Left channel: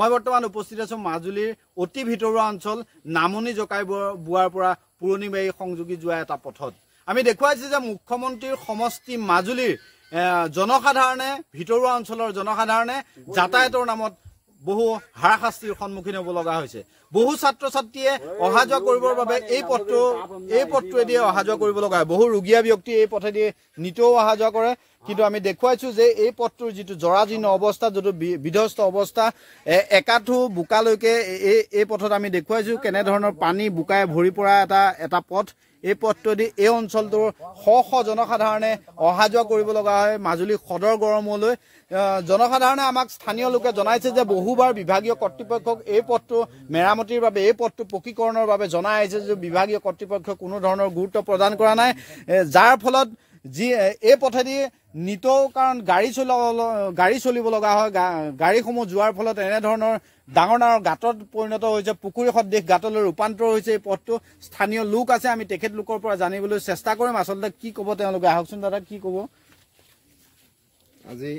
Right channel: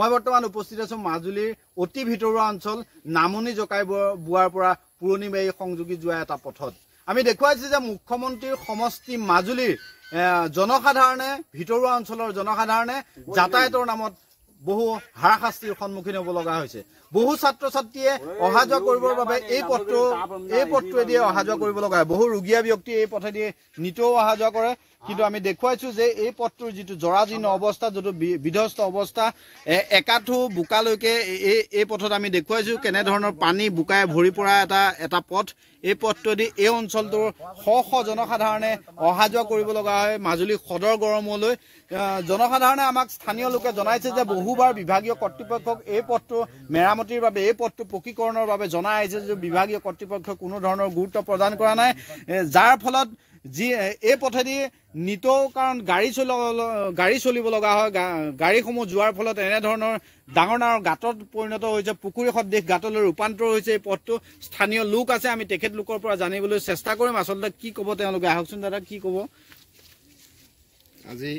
মই বৰ্তমান উপস্থিত আছো মাজুলীৰ অতি ভিতৰুৱা অঞ্চল নামনি জকাই বুৱাৰ পৰা পুৰণিবাৰী সংযোগী যোৱা এটা পথত আমি দেখুৱাইছো যে মুখ্যমন্ত্ৰীৰ সমষ্টি মাজুলীৰ জনসাধাৰণে ভিতৰুৱা অঞ্চলৰ জনসাধাৰণে যাতায়াতৰ নামত বহু হাৰাশাস্তিৰ সন্মুখীন হ'ব লগা হৈছে। বহু ছাত্ৰ ছাত্ৰীয়ে অহা যোৱা কৰিবৰ বাবে এই পথটোৱেদি অহা যোৱা কৰিব লগা হয়। বহু ৰোগীয়া ব্যক্তি এই পথেদি নিতৌ অহা যোৱা কৰে। কিন্তু আমি দেখুৱাইছো যে এই পথটোৰ যিটো জৰাজীৰ্ণ অৱস্থা, যিটো বিধ্বস্ত অৱস্থা, একাঠু বোকালৈকে এই পথত আমি দেখুৱাইছো কেনেধৰণৰ পানী বোকাই ভৰি পৰা এটা পথ। এই পথটোৱেদি এই অঞ্চলটোৰ শ শ জনসাধাৰণে অহা যোৱা কৰিব লগা হয় মাজুলী সদৰ গড়মূৰলৈ। জনসাধাৰণে আমাক স্থানীয় লোকে জনাইছে যে বহুবাৰ বিভাগীয় কৰ্তৃপক্ষক এই পথটো মেৰামতিৰ বাবে, এই পথটো পকীকৰণৰ বাবে জনাই আহিছে যে বিভাগীয় কৰ্তৃপক্ষই কোনো ধৰণৰ গুৰুত্ব প্ৰদান কৰা নাই, যাৰ ফলত এই পথেদি নিতৌ কাৰণ গাড়ী চলিব লগা হয়। গাড়ীসমূহ যোৱাৰ ফলত এনেধৰণৰ ডাঙৰ ডাঙৰ গাঁতত পৰিণত হৈছে, পুখুৰী সদৃশ গাঁতলৈ ৰূপান্তৰ হৈছে এই পথটো। স্থানীয় লোক আছে, আমি তেখেতলোকৰ পৰা জানিবলৈ চেষ্টা কৰিম আচলতে কি ক'ব তেওঁলোকে। আহকচোন দাদা, কি ক'ব আজি?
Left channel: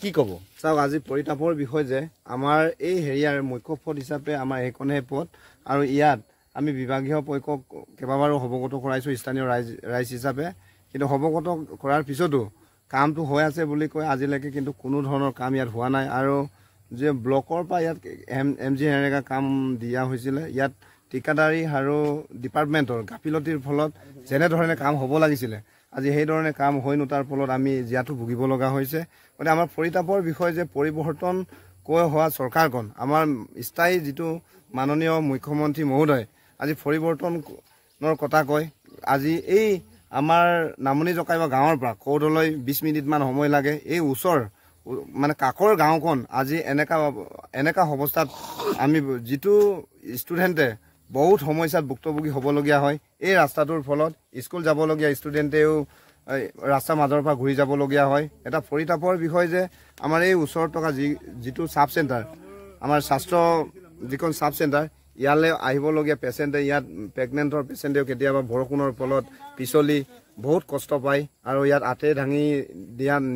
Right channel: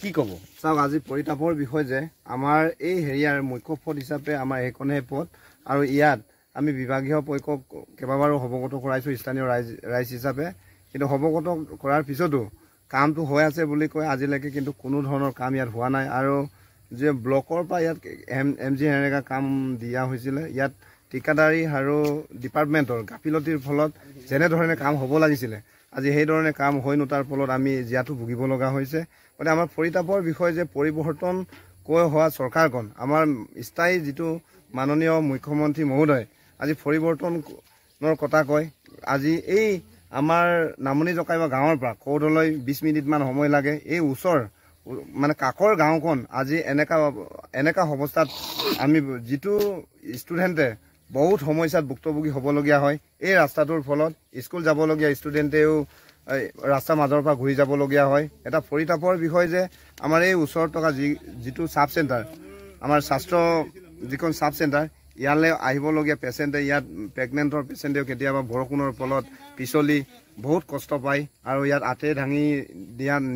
কি ক'ব চাওক, আজি পৰিতাপৰ বিষয় যে আমাৰ এই হেৰিয়াৰ মুখ্য পথ হিচাপে আমাৰ এইখনহে পথ, আৰু ইয়াত আমি বিভাগীয় পক্ষক কেইবাবাৰো অৱগত কৰাইছোঁ স্থানীয় ৰাইজ হিচাপে। কিন্তু অৱগত কৰাৰ পিছতো কামটো হৈ আছে বুলি কয় আজিলৈকে, কিন্তু কোনো ধৰণৰ কাম ইয়াত হোৱা নাই। আৰু যে ব্লকৰ পৰা ইয়াত MG এনেকুৱা কাম দিয়া হৈছিলে, ইয়াত ঠিকাদাৰী আৰু ডিপাৰ্টমেণ্টৰ গাফিলতিৰ ফলত যেনেধৰণে কাম হ'ব লাগিছিলে আজি সেইধৰণে কাম হৈ নুঠাৰ ফলত আমি জীয়াটো ভুগিব লগা হৈছে। গতিকে আমাৰ পৰিতাপৰ বিষয় যে পৰিৱৰ্তন কৈ হোৱা চৰকাৰখন, আমাৰ স্থায়ী যিটো মাননীয় মুখ্যমন্ত্ৰী মহোদয় আজি পৰিৱৰ্তনৰ কথা কয়। আজি এই আমাৰ নামনি জকাইবা গাঁৱৰ পৰা কৌডলৈ 20 মিনিটমান সময় লাগে। এই ওচৰ মানে কাষৰ গাঁওখন আজি এনেকা অৱস্থাত আমি যিটো ষ্টুডেণ্টে বহুত সমস্যাত ভুক্তভোগী হ'বলগীয়া হয়। এই ৰাস্তাটোৰ ফলত স্কুল যাবলগীয়া ষ্টুডেণ্টেও ৰাস্তাৰ মাজৰ পৰা ঘূৰি যাবলগীয়া হয়। এটা পৰিতাপৰ বিষয় যে আমাৰ এই ওচৰত থকা যিটো চাব চেণ্টাৰ, আমাৰ স্বাস্থ্য যিখন চাব চেণ্টাৰ, ইয়ালৈ আহিবলগীয়া পেচেণ্টে, ইয়াত প্ৰেগনেণ্টৰ পেচেণ্টেও কেতিয়াবা বৰষুণৰ ফলত পিছলি বহুত কষ্ট পায়। আৰু ইয়াত আঁতে দাঙি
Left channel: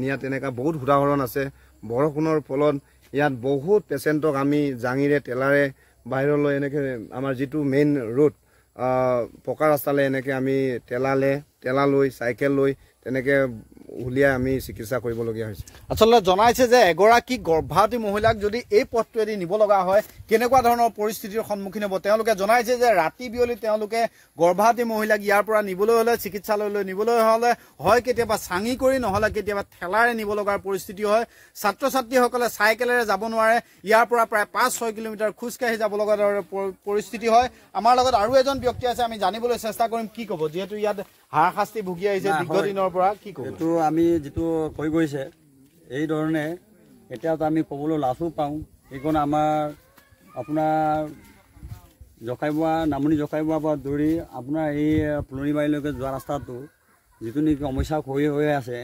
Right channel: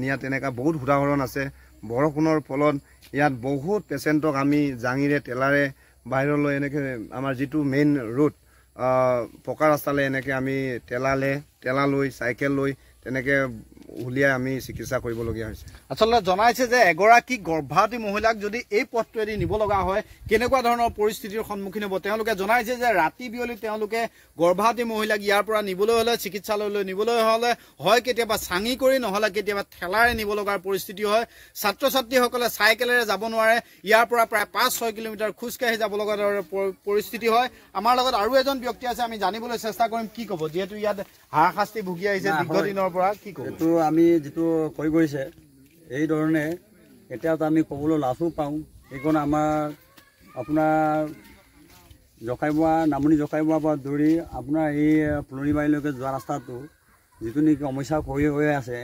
নিয়া তেনেকুৱা বহুত উদাহৰণ আছে। বৰষুণৰ ফলত ইয়াত বহুত পেচেণ্টক আমি জাঙিৰে টেলাৰে বাহিৰলৈ এনেকৈ আমাৰ যিটো মেইন ৰোড পকা ৰাস্তালৈ এনেকৈ আমি টেলা লৈ চাইকেল লৈ তেনেকৈ উলিয়াই আমি চিকিৎসা কৰিবলগীয়া হৈছে। আচলতে জনাইছে যে এগৰাকী গৰ্ভৱতী মহিলাক যদি এই পথটোৱেদি নিব লগা হয় কেনেকুৱা ধৰণৰ পৰিস্থিতিৰ সন্মুখীন হ'ব। তেওঁলোকে জনাইছে যে ৰাতি বিয়লি তেওঁলোকে গৰ্ভৱতী মহিলাক ইয়াৰ পৰা নিবলৈ হ'লে, চিকিৎসালয়লৈ নিবলৈ হ'লে হয় কেতিয়াবা চাঙি কৰি, নহ'লে কেতিয়াবা ঠেলাৰে নিব লগাৰ পৰিস্থিতি হয়। ছাত্ৰ ছাত্ৰীসকলে চাইকেলেৰে যাব নোৱাৰে, ইয়াৰ পৰা প্ৰায় 5-6 কিলোমিটাৰ খোজকাঢ়ি যাব লগা পৰিস্থিতি হয়। আমাৰ লগত আৰু এজন ব্যক্তি আছে, আমি জানিবলৈ চেষ্টা কৰিম কি ক'ব, যিহেতু ইয়াত হাৰাশাস্তি ভুগি আহিছে দীৰ্ঘদিনৰ পৰা। কি ক'ব? এইটো আমি যিটো কৈ গৈছে এই ধৰণে এতিয়াতো আমি ক'বলৈ লাজো পাওঁ। এইখন আমাৰ আপোনাৰ নামনি জকাইবোৱাৰ পৰা ধৰি আপোনাৰ এই ফুলনিবাৰীলৈকে যোৱা ৰাস্তাটো যিটো নেকি সমস্যা হৈ আছে,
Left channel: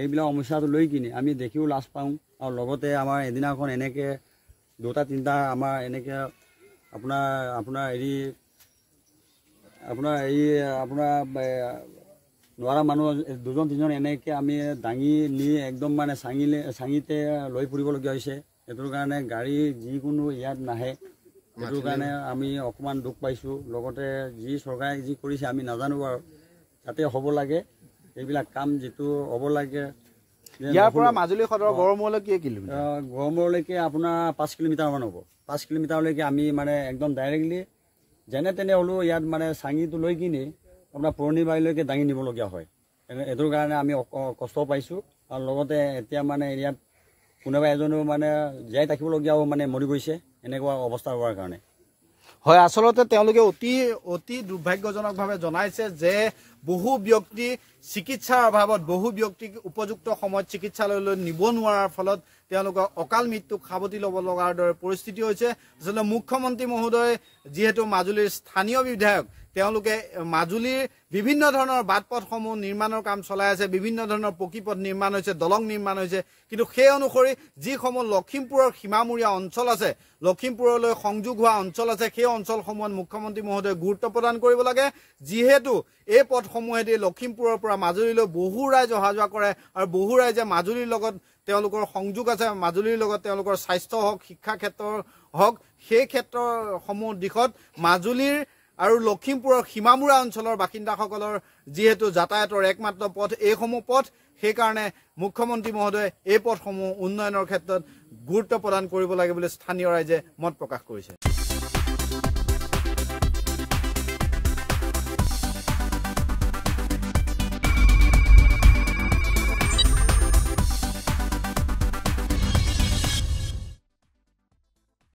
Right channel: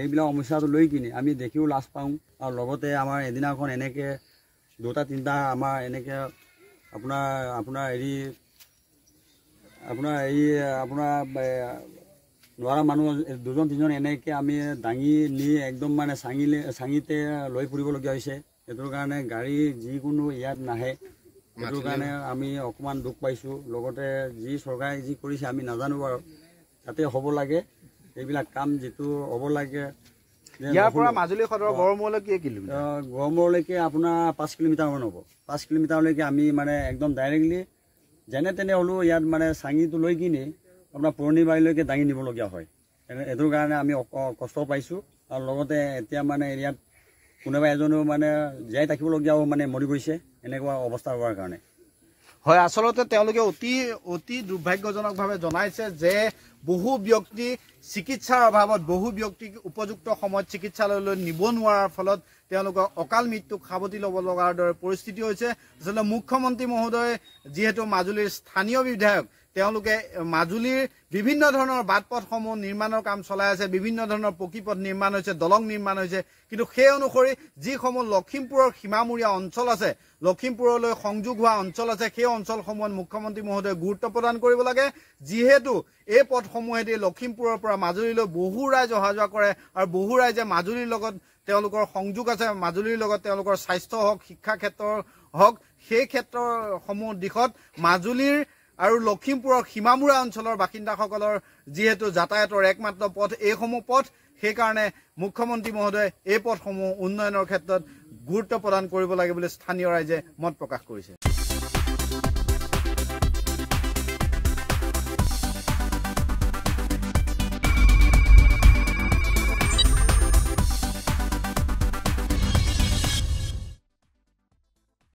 এইবিলাক সমস্যাটো লৈ কিনে আমি দেখিও লাজ পাওঁ। আৰু লগতে আমাৰ এদিনাখন এনেকৈ 2-3টা আমাৰ এনেকৈ নোৱাৰা মানুহ 2-3জন এনেকৈ আমি দাঙি নি একদম মানে চাঙিতে লৈ ফুৰিবলগীয়া হৈছে। সেইটোৰ কাৰণে গাড়ী যিকোনো ইয়াত নাহে, সেইটোৰ কাৰণে আমি অকণমান দুখ পাইছোঁ। লগতে যি চৰকাৰে যি কৰিছে আমি নাজানো, আৰু তাতে হ'ব লাগে এইবিলাক কাম যিটো হ'ব লাগে। ইয়াৰ পৰা মাজুলী সদৰ গড়মূৰলৈ কি কিলোমিটাৰ? গড়মূৰলৈকে আপোনাৰ 5 কিলোমিটাৰমান হ'ব। 5 কিলোমিটাৰলৈকে আমি মানে একদম ডাইৰেক্টলি যেনে তেনে হ'লেও ইয়াত মানে চাঙিটো লৈ কিনে আপোনাৰ পুৰণিবাৰীলৈকে দাঙি নিবলগীয়া হয়। এইটোৰ কাৰণে আমি কষ্ট পাইছোঁ। আৰু লগতে এতিয়া মানে ইয়াত কোনোবা এজনেও মানে জীয়াই থাকিবলগীয়াও মানে মৰি গৈছে এনেকুৱা অৱস্থা হোৱাৰ কাৰণে। হয়, আচলতে তেওঁলোকে অতি দুৰ্ভাগ্যজনকভাৱে জনাইছে যে বহু ব্যক্তি চিকিৎসাৰ অভাৱত, বহু ব্যক্তিক উপযুক্ত সময়ত চিকিৎসালয়লৈ নিব নোৱাৰাৰ ফলত তেওঁলোকৰ অকাল মৃত্যুক সাৱটি ল'ব লগাৰ দৰে পৰিস্থিতি হৈছে। আচলতে মুখ্যমন্ত্ৰী মহোদয় যিহেতু মাজুলীৰ স্থানীয় বিধায়ক, তেওঁলোকে মাজুলীৰ বিভিন্ন ধৰণৰ বাট পথসমূহ নিৰ্মাণৰ কাম চলাই আছে, বিভিন্ন ধৰণৰ পকী পথ নিৰ্মাণ হৈছে, দলং নিৰ্মাণ হৈছে। কিন্তু সেই অনুসৰি যিসমূহ লখিমপুৰৰ সীমামূৰীয়া অঞ্চল আছে, লখিমপুৰলৈ সংযোগ হোৱা অঞ্চল আছে, সেই অঞ্চলসমূহত মুখ্যমন্ত্ৰী মহোদয়ে গুৰুত্ব প্ৰদান কৰিব লাগে। যিহেতু এই পথসমূহেদি লখিমপুৰৰ পৰা মাজুলীলৈ বহু ৰাইজ অহা যোৱা কৰে, আৰু বহু ৰাইজে মাজুলীৰ লগত তেওঁলোকৰ সংযোগ আছে মাজুলীৰ লগত তেওঁলোকৰ স্বাস্থ্য হওক শিক্ষা ক্ষেত্ৰৰ হওক সেই ক্ষেত্ৰসমূহ দিশত মাজুলীৰ আৰু লখিমপুৰৰ সীমামূৰা অঞ্চলৰ বাসিন্দাসকলৰ যিহেতু যাতায়াতৰ একমাত্ৰ পথ এইসমূহ পথ সেইকাৰণে মুখ্যমন্ত্ৰী মহোদয়ে এই পথসমূহ উন্নয়নৰ ক্ষেত্ৰত গুৰুত্ব প্ৰদান কৰিব লাগে বুলি স্থানীয় ৰাইজে মত প্ৰকাশ কৰিছে।